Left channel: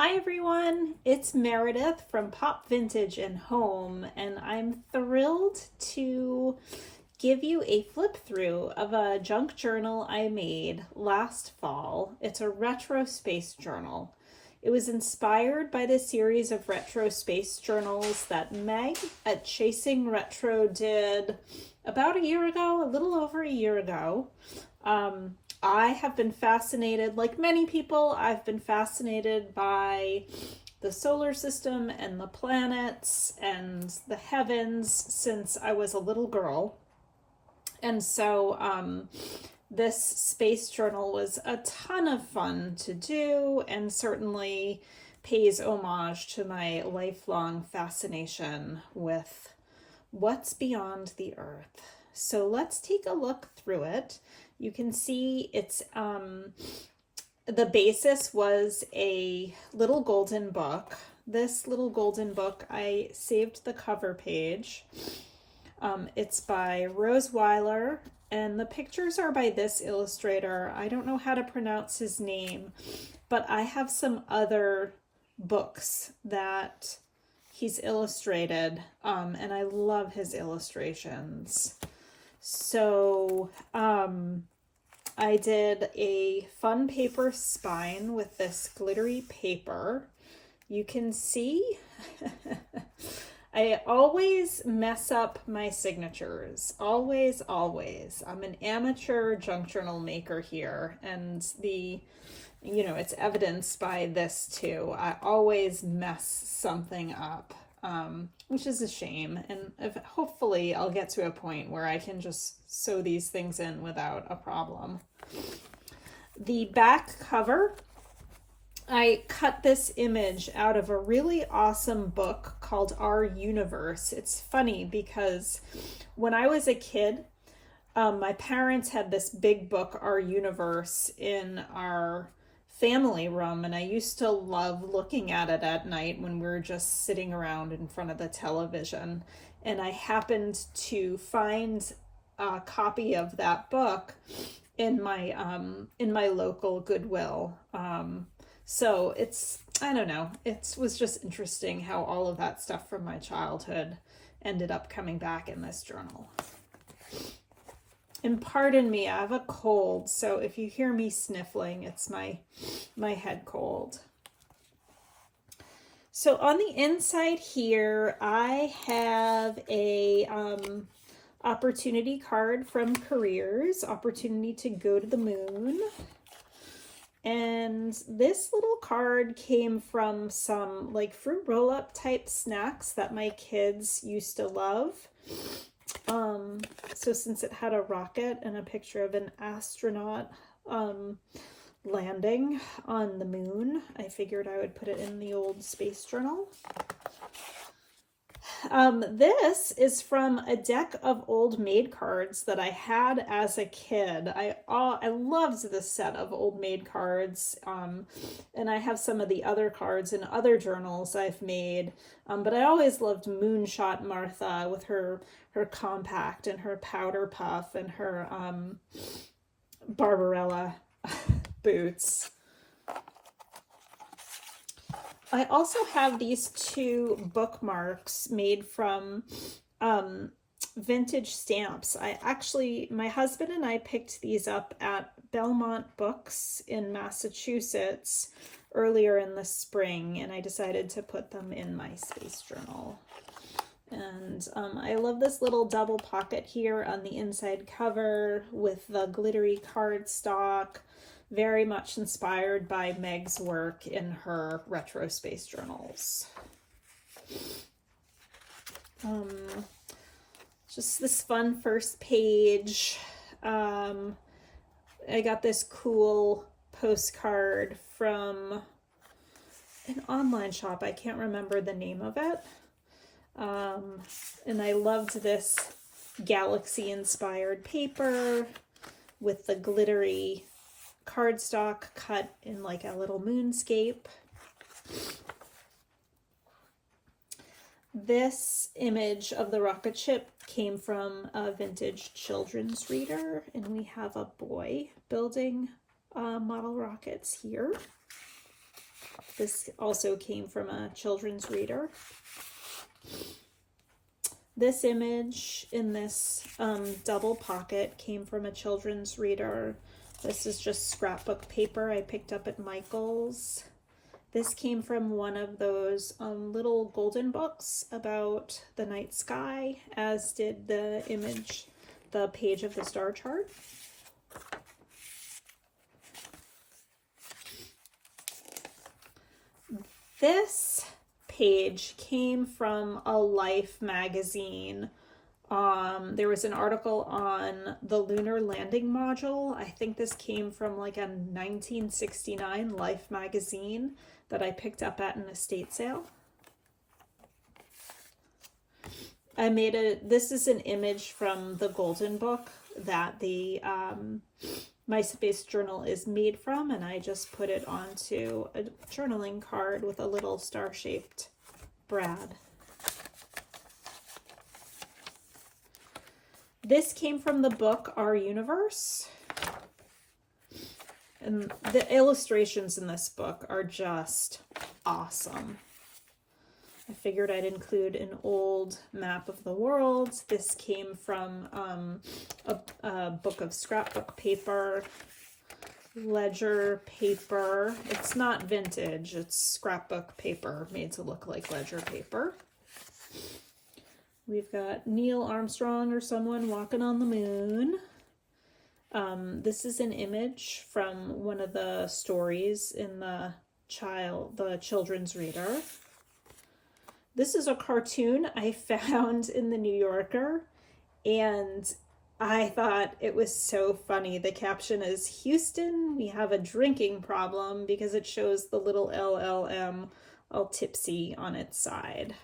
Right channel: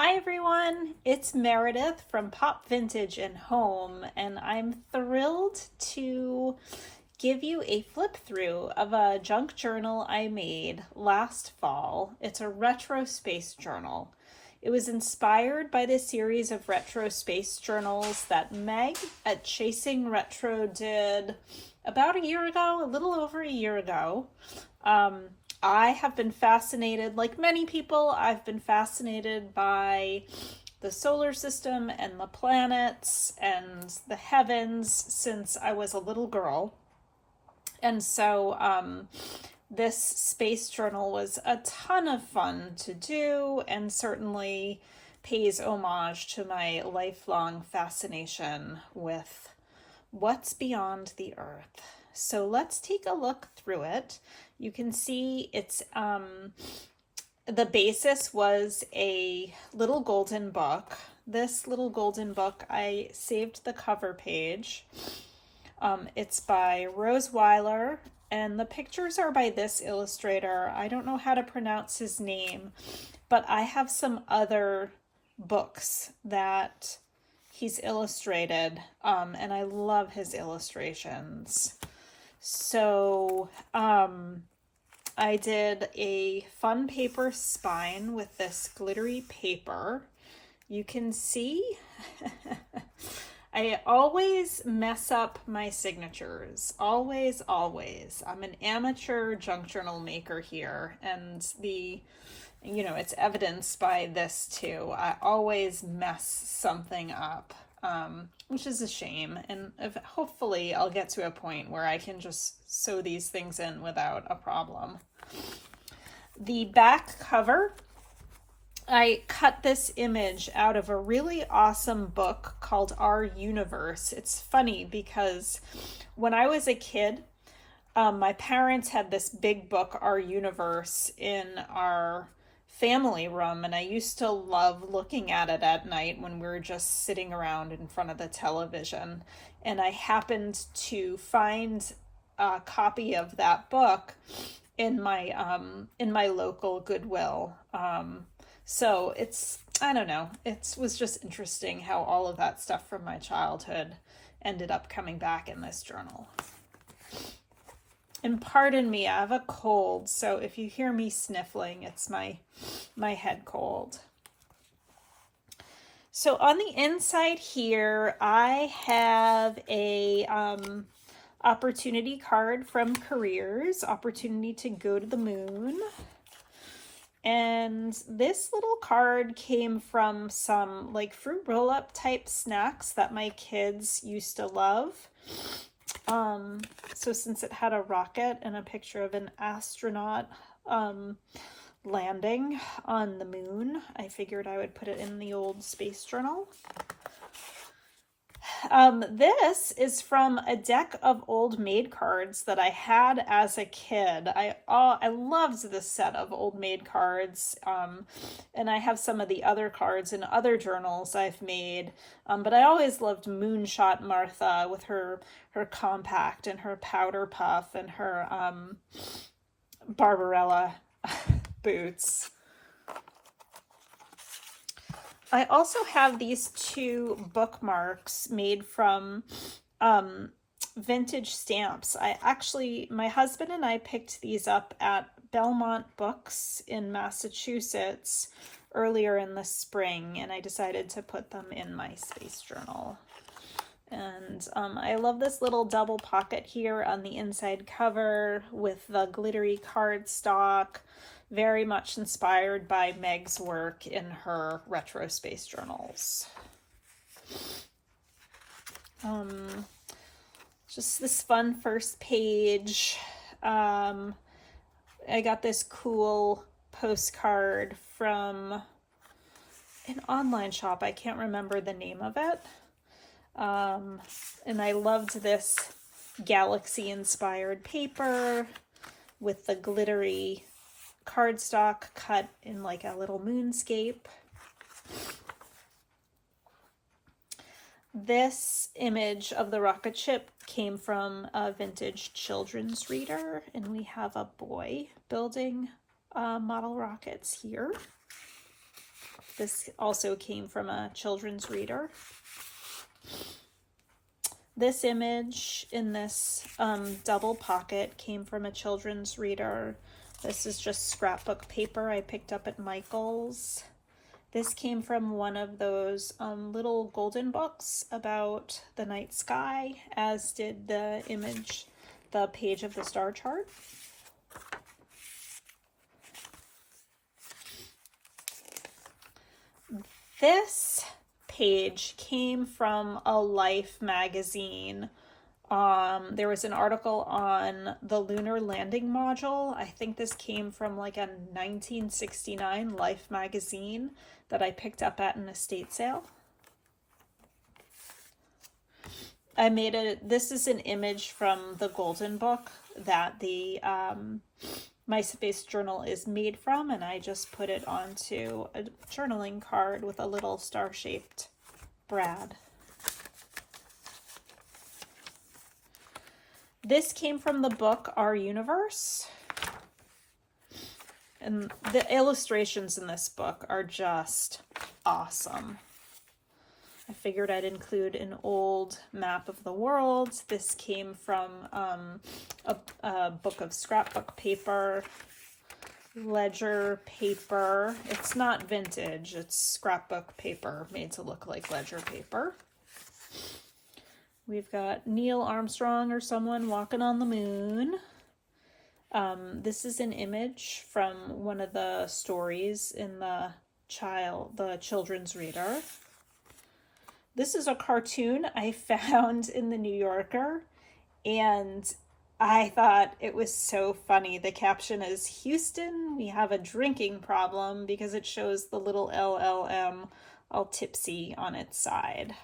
Hi everyone, it's Meredith from Pop Vintage and Home, and I'm thrilled to give you a flip through of a junk journal I made last fall. It's a retro space journal. It was inspired by the series of retro space journals that Meg at Chasing Retro did about a year ago, a little over a year ago. I have been fascinated, like many people, I've been fascinated by the solar system and the planets and the heavens since I was a little girl. And so this space journal was a ton of fun to do and certainly pays homage to my lifelong fascination with what's beyond the Earth. So let's take a look through it. You can see it's the basis was a little golden book. This little golden book, I saved the cover page. It's by Rose Weiler, and the pictures are by this illustrator. I don't know how to pronounce his name, but I have some other books that he's illustrated, and I love his illustrations. So I did a fun paper spine with this glittery paper. You can see I always mess up my signatures. Always, always. I'm an amateur junk journal maker here, and it's evidenced by this too. I always mess something up. Which is a shame, and hopefully I'll get to a point where I can just sew these things in without a problem. The back cover, I cut this image out of a really awesome book called Our Universe. It's funny because when I was a kid, my parents had this big book, Our Universe, in our family room, and I used to love looking at it at night when we were just sitting around in front of the television. And I happened to find a copy of that book in my local Goodwill. So I don't know, it was just interesting how all of that stuff from my childhood ended up coming back in this journal. And pardon me, I have a cold, so if you hear me sniffling, it's my head cold. So on the inside here, I have a opportunity card from Careers, opportunity to go to the moon. And this little card came from some like fruit roll-up type snacks that my kids used to love. So since it had a rocket and a picture of an astronaut landing on the moon, I figured I would put it in the old space journal. This is from a deck of Old Maid cards that I had as a kid. I loved this set of Old Maid cards, and I have some of the other cards in other journals I've made, but I always loved Moonshot Martha with her compact and her powder puff and her Barbarella boots. I also have these two bookmarks made from vintage stamps. My husband and I picked these up at Belmont Books in Massachusetts earlier in the spring, and I decided to put them in my space journal. And I love this little double pocket here on the inside cover with the glittery cardstock. Very much inspired by Meg's work in her retro space journals. Just this fun first page. I got this cool postcard from an online shop. I can't remember the name of it. And I loved this galaxy-inspired paper with the glittery cardstock cut in like a little moonscape. This image of the rocket ship came from a vintage children's reader, and we have a boy building model rockets here. This also came from a children's reader. This image in this double pocket came from a children's reader. This is just scrapbook paper I picked up at Michael's. This came from one of those little golden books about the night sky, as did the image, the page of the star chart. This page came from a Life magazine. There was an article on the lunar landing module. I think this came from like a 1969 Life magazine that I picked up at an estate sale. This is an image from the Golden Book that the My Space Journal is made from, and I just put it onto a journaling card with a little star-shaped brad. This came from the book Our Universe. And the illustrations in this book are just awesome. I figured I'd include an old map of the world. This came from a book of scrapbook paper, ledger paper. It's not vintage, it's scrapbook paper made to look like ledger paper. We've got Neil Armstrong or someone walking on the moon. This is an image from one of the stories in the children's reader. This is a cartoon I found in the New Yorker, and I thought it was so funny. The caption is, "Houston, we have a drinking problem," because it shows the little LLM all tipsy on its side.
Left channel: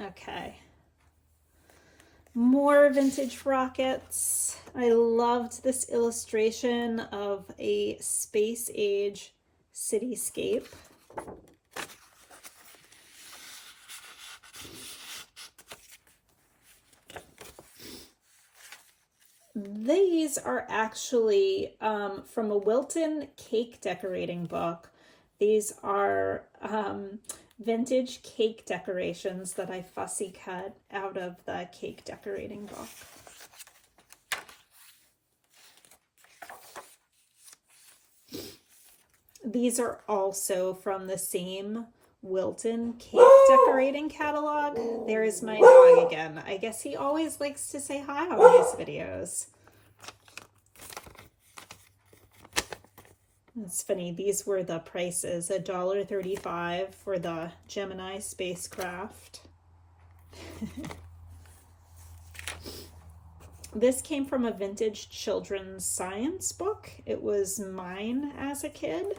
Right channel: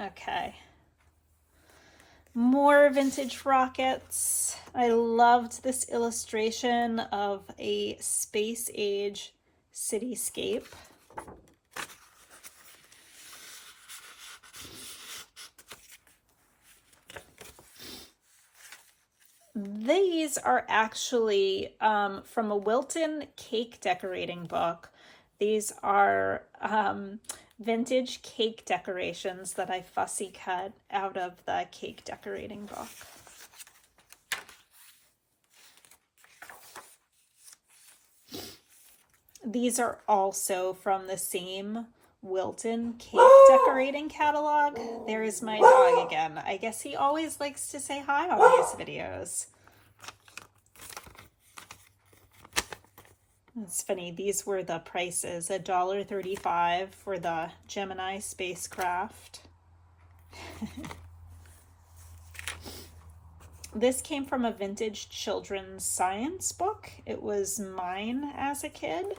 Okay. More vintage rockets. I loved this illustration of a space age cityscape. These are actually from a Wilton cake decorating book. These are vintage cake decorations that I fussy cut out of the cake decorating book. These are also from the same Wilton cake decorating catalog. There's my dog again. I guess he always likes to say hi on these videos. It's funny, these were the prices, $1.35 for the Gemini spacecraft. This came from a vintage children's science book. It was mine as a kid.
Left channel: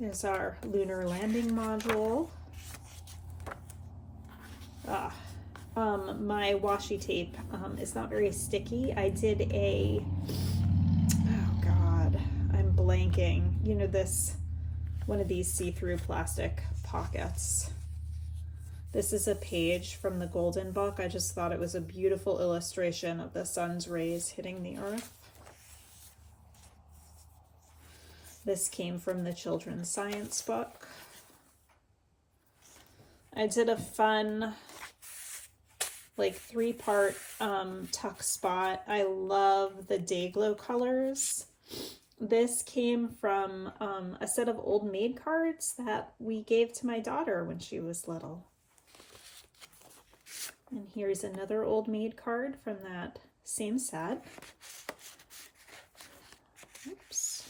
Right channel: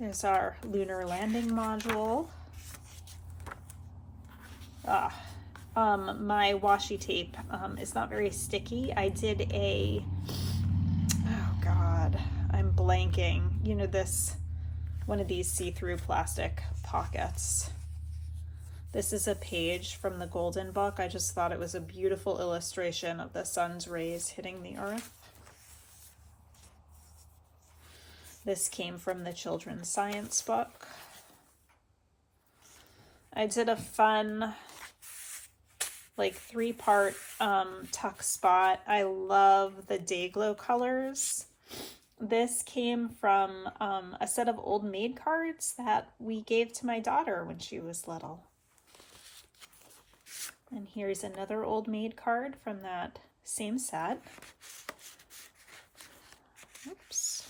There's our lunar landing module. My washi tape is not very sticky. I did oh God, I'm blanking. You know, one of these see-through plastic pockets. This is a page from the Golden Book. I just thought it was a beautiful illustration of the sun's rays hitting the earth. This came from the children's science book. I did a fun, like 3-part tuck spot. I love the day glow colors. This came from a set of Old Maid cards that we gave to my daughter when she was little. And here's another Old Maid card from that same set. Oops.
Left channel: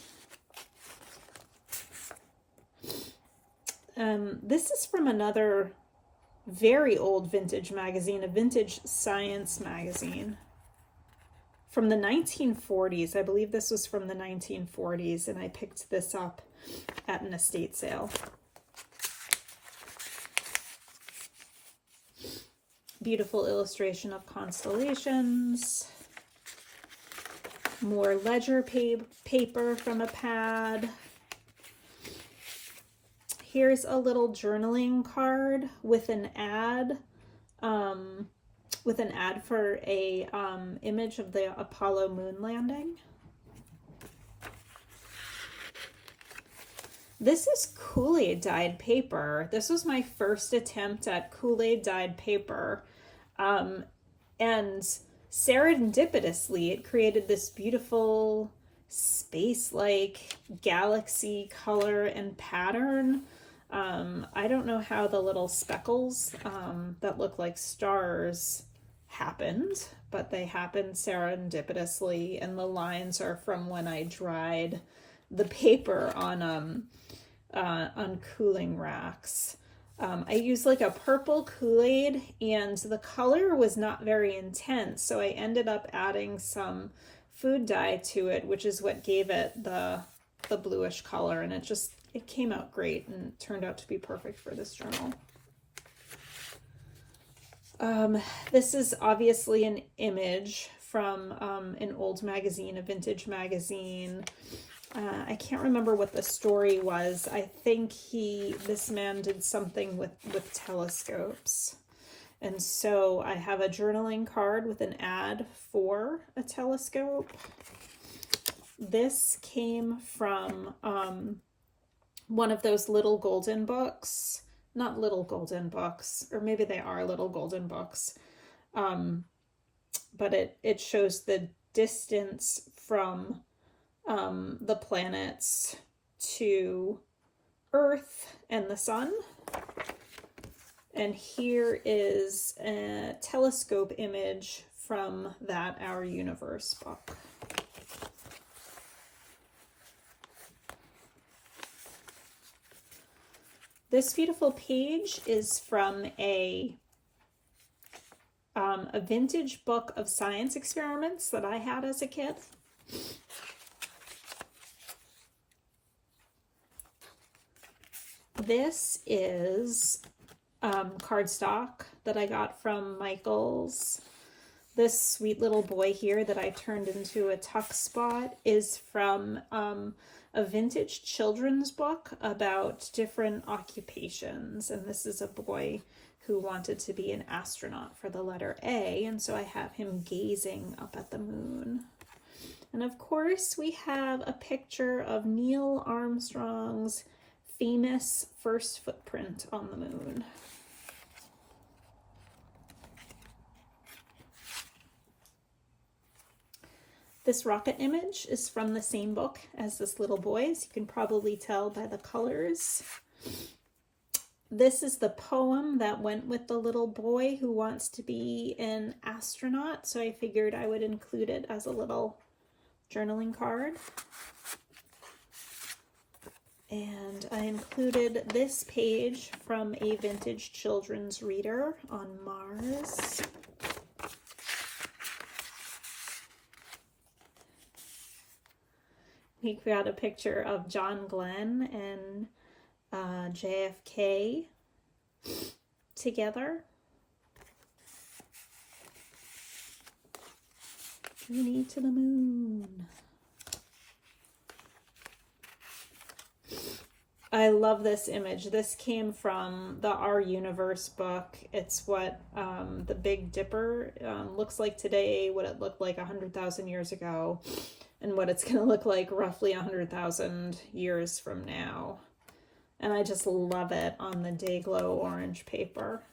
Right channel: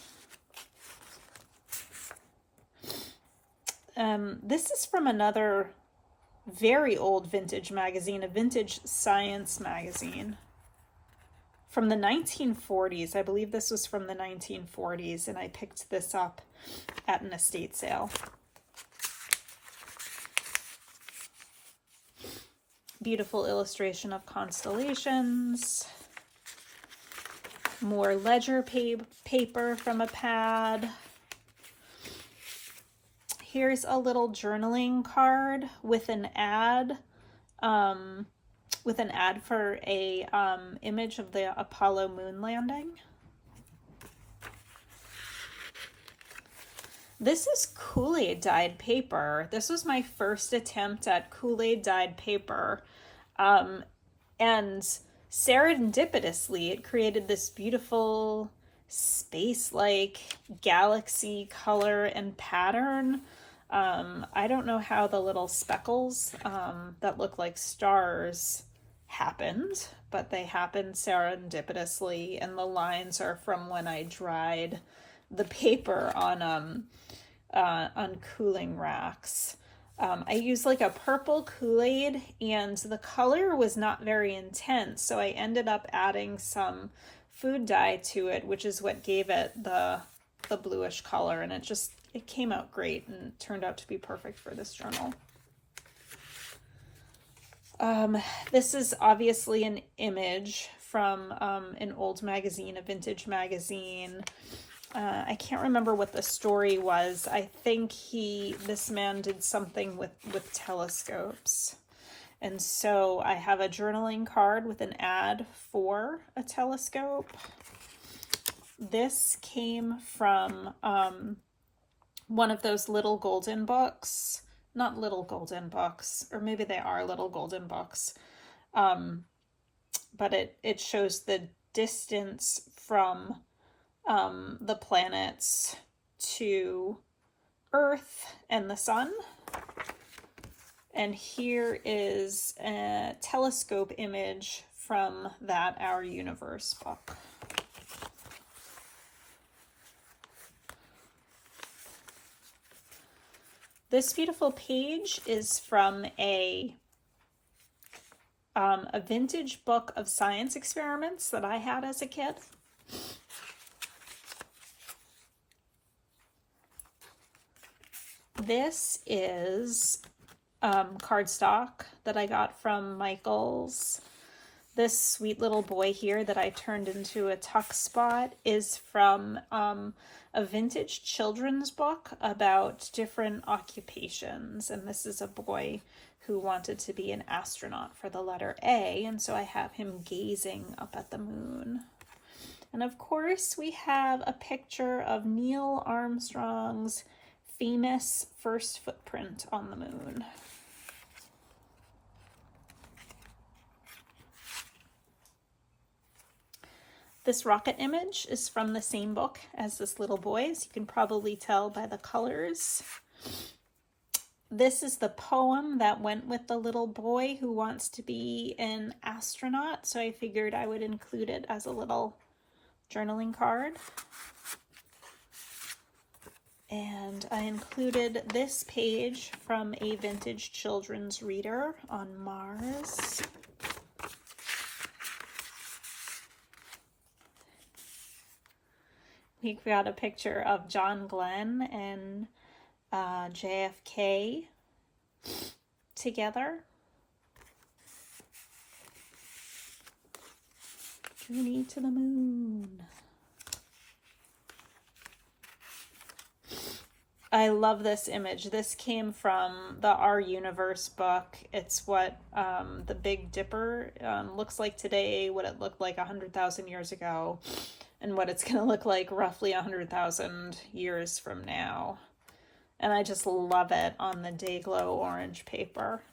This is from another very old vintage magazine, a vintage science magazine from the 1940s. I believe this was from the 1940s, and I picked this up at an estate sale. Beautiful illustration of constellations. More ledger paper from a pad. Here's a little journaling card with an ad, for a image of the Apollo moon landing. This is Kool-Aid dyed paper. This was my first attempt at Kool-Aid dyed paper. And serendipitously, it created this beautiful space-like galaxy color and pattern. I don't know how the little speckles that look like stars happened, but they happened serendipitously, and the lines are from when I dried the paper on cooling racks. I used like a purple Kool-Aid, and the color was not very intense, so I ended up adding some food dye to it, which is what gave it the bluish color, and it came out great and turned out to be perfect for this journal. This is obviously an image from an old magazine, a vintage magazine. I can't remember what the story was. I think this man did something with telescopes. And so I have a journaling card with an ad for a telescope. This came from one of those little golden books. Not little golden books, or maybe they are little golden books. But it shows the distance from the planets to Earth and the sun. And here is a telescope image from that Our Universe book. This beautiful page is from a vintage book of science experiments that I had as a kid. This is cardstock that I got from Michael's. This sweet little boy here that I turned into a tuck spot is from a vintage children's book about different occupations. And this is a boy who wanted to be an astronaut for the letter A, and so I have him gazing up at the moon. And of course, we have a picture of Neil Armstrong's famous first footprint on the moon. This rocket image is from the same book as this little boy's. You can probably tell by the colors. This is the poem that went with the little boy who wants to be an astronaut, so I figured I would include it as a little journaling card. And I included this page from a vintage children's reader on Mars. We've got a picture of John Glenn and JFK together. Journey to the moon. I love this image. This came from the Our Universe book. It's what the Big Dipper looks like today, what it looked like 100,000 years ago, and what it's going to look like roughly 100,000 years from now. And I just love it on the Dayglow orange paper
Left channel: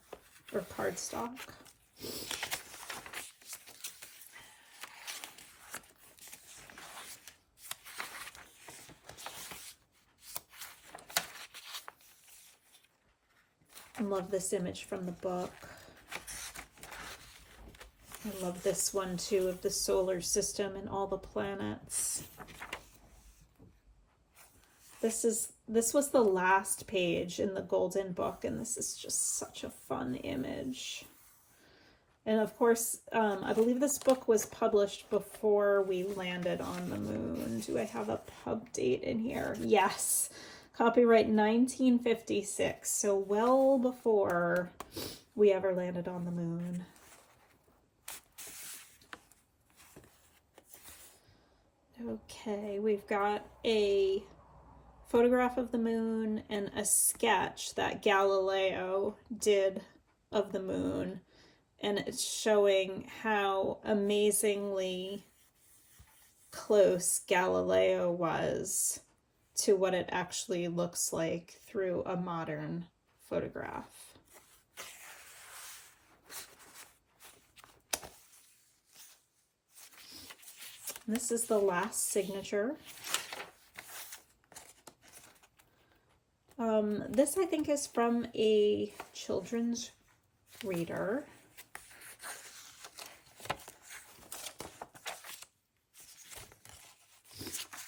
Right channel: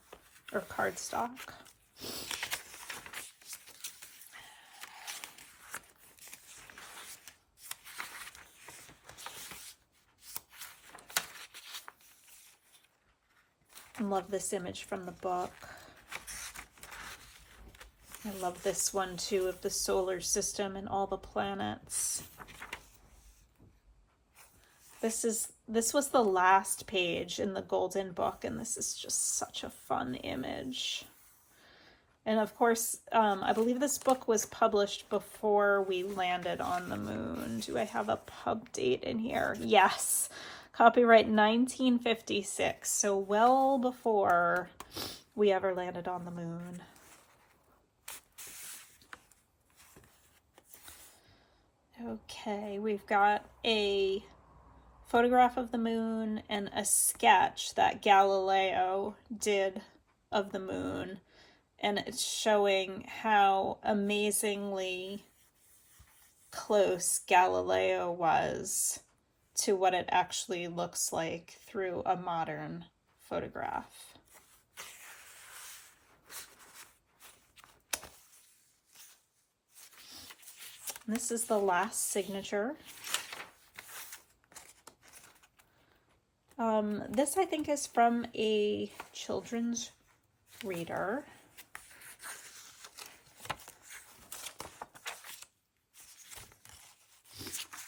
or cardstock. I love this image from the book. I love this one too, of the solar system and all the planets. This was the last page in the golden book, and this is just such a fun image. And of course, I believe this book was published before we landed on the moon. Do I have a pub date in here? Yes. Copyright 1956, so well before we ever landed on the moon. Okay, we've got a photograph of the moon and a sketch that Galileo did of the moon, and it's showing how amazingly close Galileo was to what it actually looks like through a modern photograph. This is the last signature. This I think is from a children's reader.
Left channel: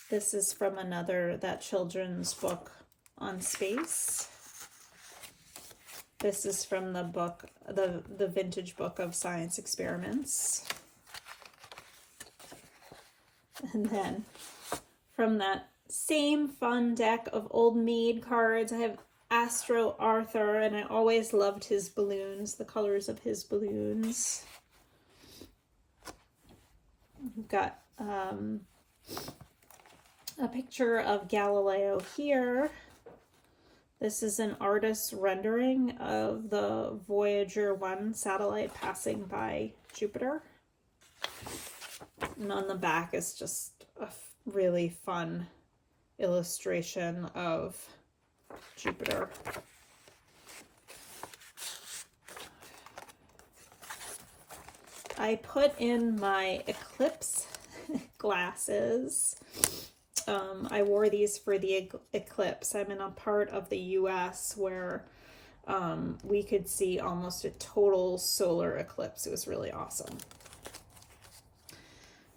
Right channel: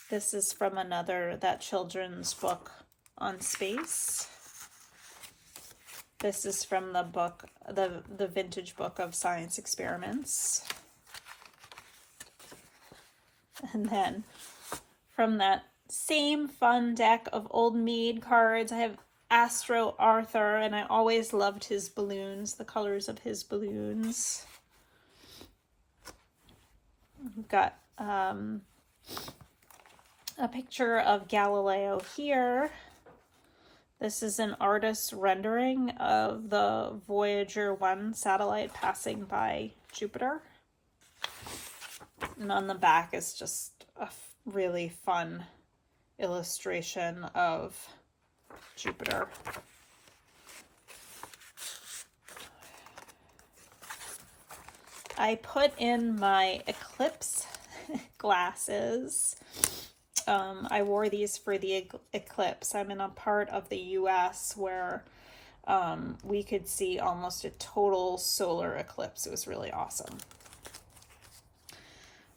This is from that children's book on space. This is from the book, the vintage book of science experiments. And then from that same fun deck of Old Maid cards, I have Astro Arthur, and I always loved his balloons, the colors of his balloons. We've got a picture of Galileo here. This is an artist's rendering of the Voyager 1 satellite passing by Jupiter. And on the back is just a really fun illustration of Jupiter. I put in my eclipse glasses. I wore these for the eclipse. I'm in a part of the US where we could see almost a total solar eclipse. It was really awesome.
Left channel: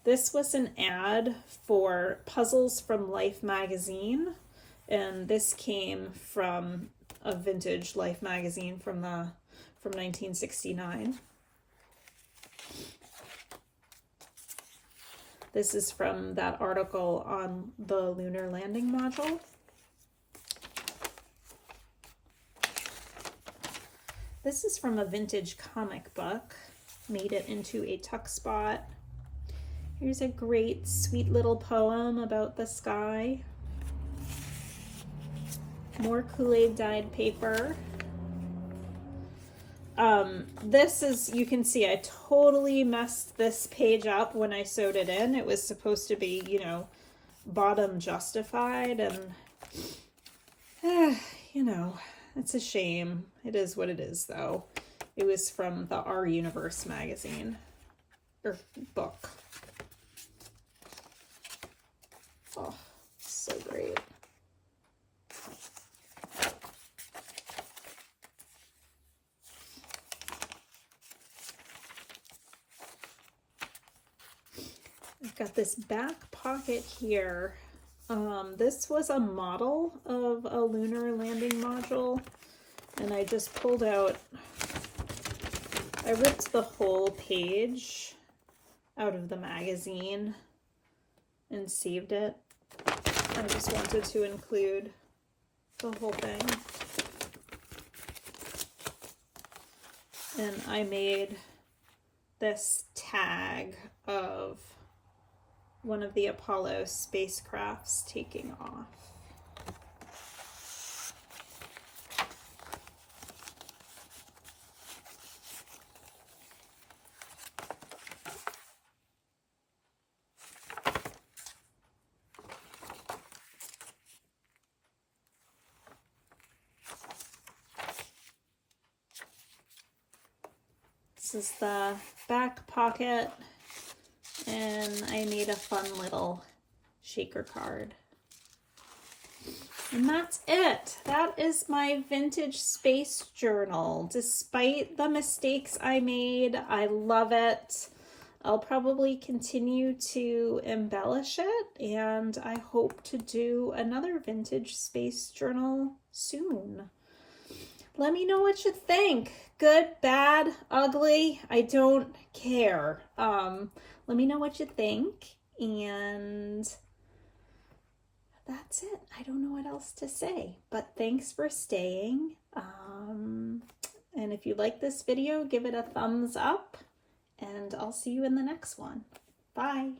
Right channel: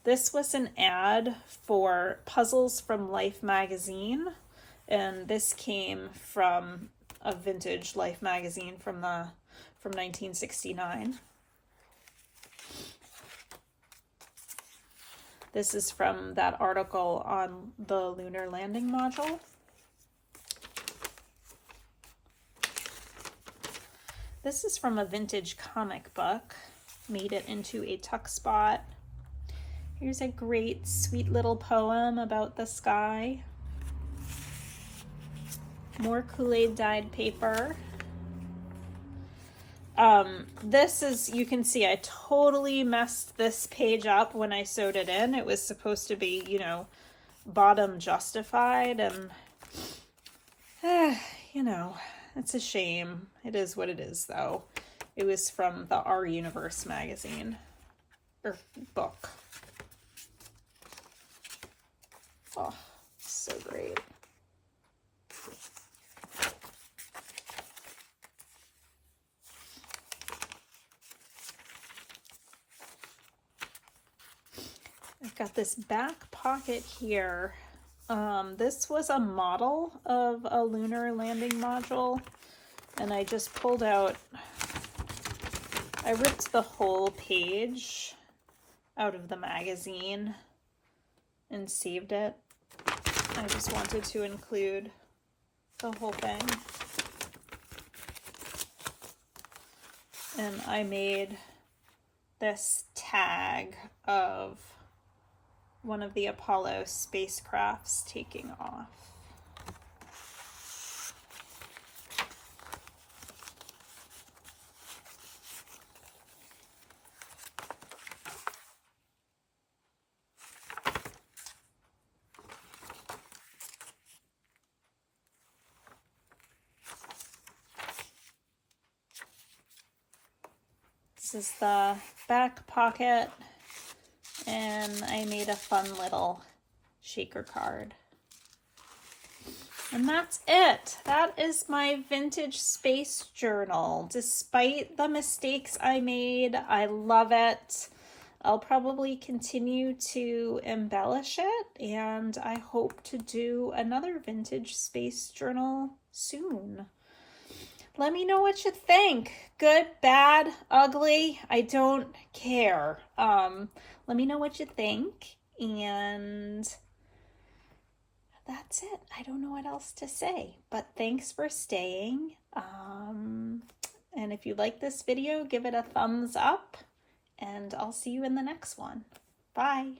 This was an ad for Puzzles from Life magazine, and this came from a vintage Life magazine from 1969. This is from that article on the lunar landing module. This is from a vintage comic book. Made it into a tuck spot. Here's a great, sweet little poem about the sky. More Kool-Aid dyed paper. This is, you can see I totally messed this page up when I sewed it in. It was supposed to be, you know, bottom justified, and, you know, it's a shame. It is what it is, though. It was from the Our Universe magazine, or book. Oh, so great. I've got this back pocket here. This was a model of a lunar landing module, and I just pulled out, I ripped the whole page out of the magazine and saved it. I just wanted to include the whole thing. And I made this tag of one of the Apollo spacecrafts taking off. This is the back pocket, and I made a fun little shaker card. And that's it. That is my vintage space journal. Despite the mistakes I made, I love it. I'll probably continue to embellish it, and I hope to do another vintage space journal soon. Let me know what you think. Good, bad, ugly, I don't care. Let me know what you think, and that's it. I don't know what else to say, but thanks for staying. And if you like this video, give it a thumbs up, and I'll see you in the next one. Bye.